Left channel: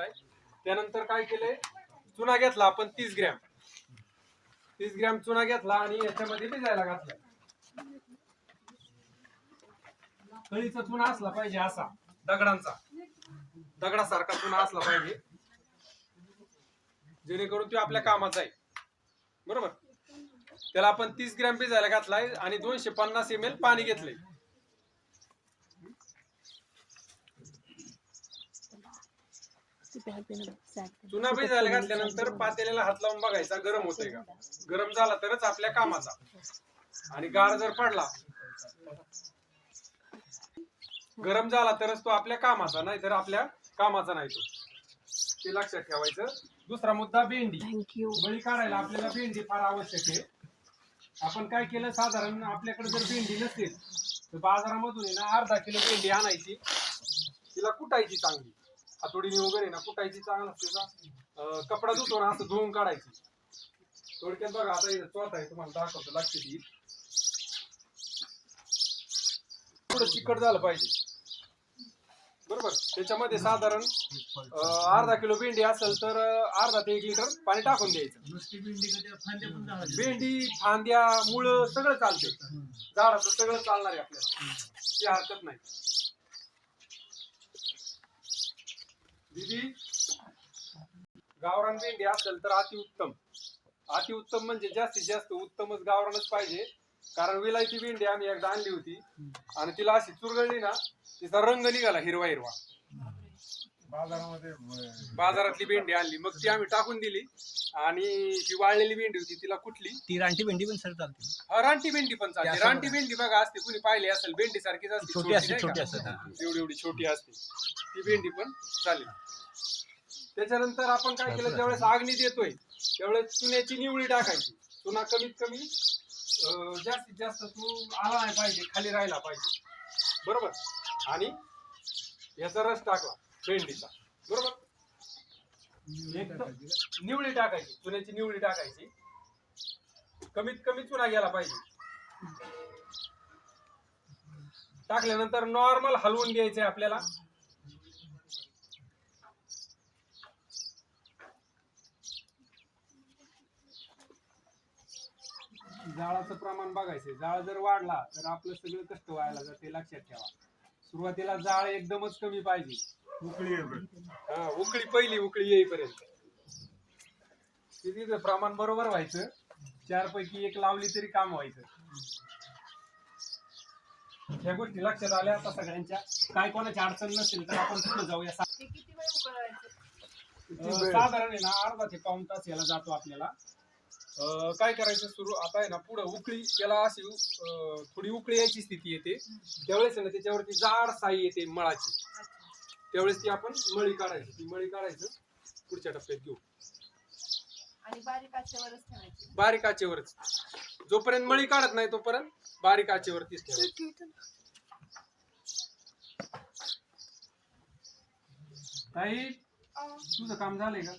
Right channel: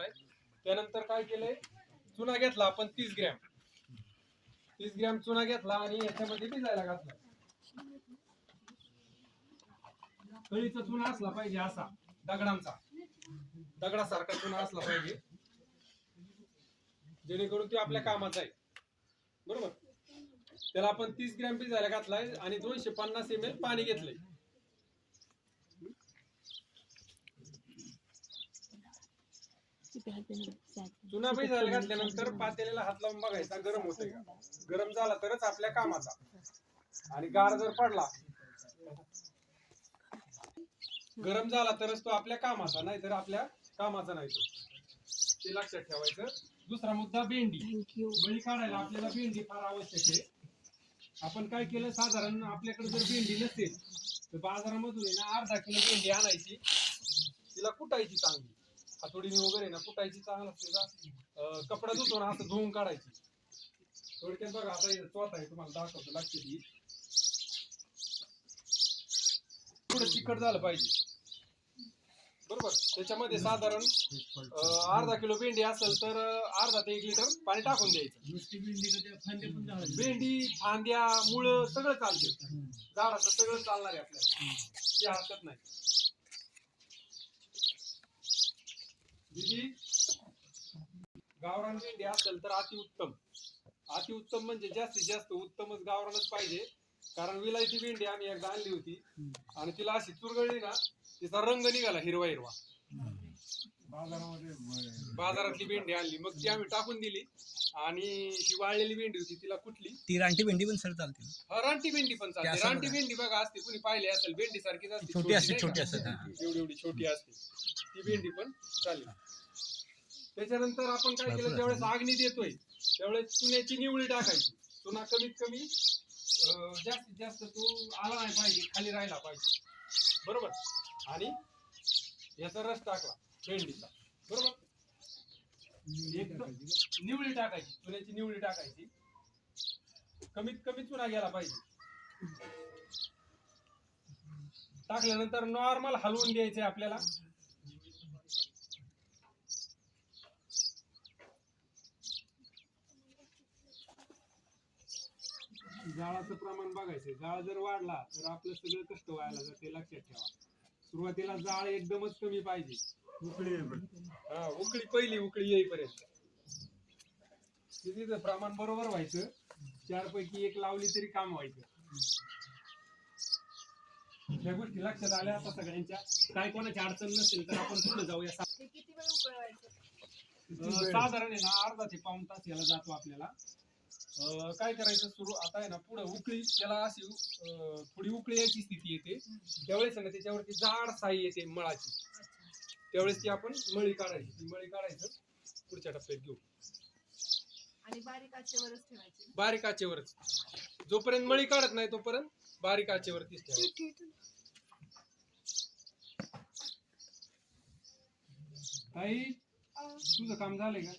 घेतलाय. त्यानंतर काय केलंय, चुना घेतला आपण 30 ग्रॅम. 30 ग्रॅम चुना घेतला आणि याच्यामध्ये भिजायला घातला. कळीचा चुना असला पाहिजे असा दगडासारखा चुना असला पाहिजे, जेणेकरून तो आपल्या कामाचा आहे. बरोबर. त्याला आपण 30 ग्रॅम भिजायला घातलाय आणि 250 ml पाणी घेतलंय. चुना भिजायला घातल्यानंतर पातेल्याला हात लावून बघायचा गरम होतंय का. गरम झाला तरच आपल्या कामाचा, आणि गार जर पडला, गरम झाला तरच तो आपल्या कामाचा, नाही तर आपल्या कामाचा नाही तो. ते लक्षात ठेवायचं. दुसरा मुद्दा, भेंडी. बळी काढायला आपल्याला भेंडी फार आवश्यक आहे. आपण काय केलं, साधारण आपल्याकडे जर भेंडी नसेल तर बाजारामधून आहे ना अर्धा किलो भेंडी आणायची, तिला कुटायची चांगली हातोडीने वगैरे ना कुटायची चांगलं. त्याचा कपडा धुतो ना असं धुवून काढायची. थोडक्यात बघा, आता इथं चौथा आहे तुम्हाला दाखवतो, लक्षात येईल. थोडं चिकट झालं पाहिजे. बरोबर. त्याच्यामध्ये साधारण अर्धा किलो भेंडी असेल तर अर्धा ते 1 लिटर पाणी टाकून द्यायचं. नुसती भेंडी भेंडी, फांद्या, मुळं सगळं चालते, झाडाचं सगळं चालणार आहे आपल्याला, ती हरकत नाही. दीदी, गावरान भेंडी असेल तर अतिउत्तम. अतिउत्तम म्हणजे जास्तीत जास्त उत्तमच गावरानच पाहिजे. कारण विलायती भेंडी आम्ही एकदा आणली होती आणि तिला अशी चुरगळली ना, तिचा रंग निघाला हिरवा हिरवा. बाजारातली भेंडी आणली, मग ती आम्ही टाकून दिली. आणि जी वाळलेली भेंडी होती तिला कुठली, ती रानटी भेंडी पण सर चालते. हा, रानटी भेंडी पण चालते. रानटी भेंडी बघा असते, कुणी पाहिली असेल, भेंडी सारखीच असते, छोटी असते, एवढी एवढी छोटी असते, ती भेंडी पण चालेल. त्याच्यानंतर आपण काय केलं, ज्यावेळेस आगनी देतोय त्यावेळेस चुन्याची निवळी टाकायची. चुना कमीत कमी जास्तीत जास्त तो आला नाही पाहिजे, खाली राहिला पाहिजे. बरोबर. आणि याचा रस टाकला भेंडीचा. बरोबर. एकदम निवळी टाकायची, चुन्याची निवळी टाकायची, कमीत कमी चुना गेला पाहिजे. टाकल्यानंतर नॉर्मल हलवून द्यायचंय आपल्याला. जाळाचं प्रमाण बघायचंय. जाळ जर वाढला तर आपलं सगळं कष्ट व्हायला जाते, लक्षात ठेवा. सुरुवातीला जाळ एकदमच कमी पाहिजे, उकळी पहिली उकळी येईपर्यंत. तिथं प्रमाण बरोबर व्हायचं. 4 पैकी 1 लावली तरी काम व्हायचं. ह्या गोष्टी लक्षात आल्या आता सगळ्यांच्या. काय कोणाची अडचण नसेल तर आपण पुढे जाऊया. साधारण आहे ना अर्धा ते पाऊण तास याला जातो आपल्याला. काय करायचं, सुरू आता आहे ना पुढे उकळी, त्याला अशी थोडी उकळी यायची स्थिती येते, त्यावेळेस त्याच्यावरती जाड साई येते मळाची, त्यावेळेस ती आपण मळी काढायची. ती मळी काढायचं पुढच्या टप्प्यात घेऊ, आणि बारीक आचेवरच ठेवायची. बारीक आचेवरच. जोपर्यंत मळी काढत नाही तोपर्यंत बारीक आचेवरतीच ठेवायची. ताई, तुझं काम झालंय का?